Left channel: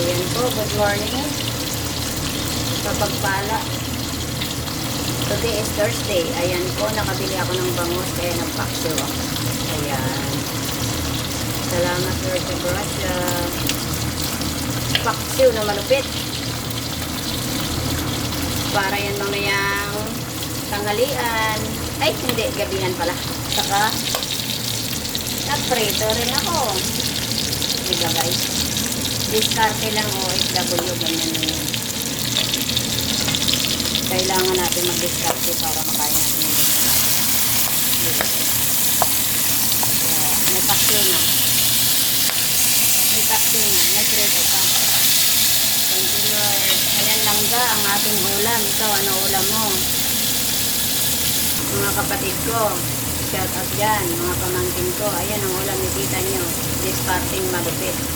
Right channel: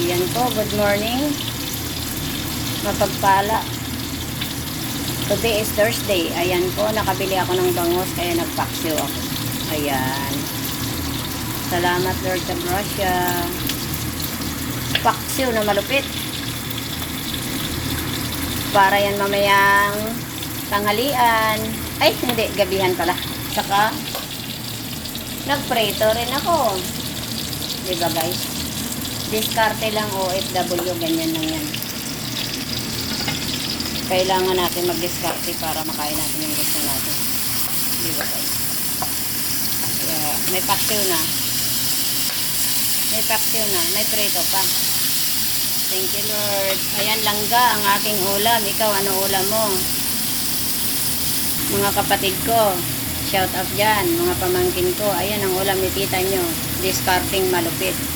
Ayan po, good morning. Kapagpala. Today is Thursday. Ayan po, nakabili ako ng bangus kaya nagpaksyo ako. Ayan. Salamat Lord sa grasya. Paksyo na malupit. Para yan mamayang tanghalian. Ay, hindi, gabihan pala. Saka, nagprito rin ako. Diba guys? Diskarte lang OFW, ganyan lang yan. Kailangan natin mag-diskarte para makain natin yung gusto natin. Diba guys? Yeah, may paksyo na. May paksyo na. May prito pa. Thank you Lord. Ayan langga ang aking ulam. Ikaw, ano ulam mo? Mga kapatid ko, shout out dyan. Mga pamangkin ko, ayan ang ulam ni tita nyo. Discarding malupit.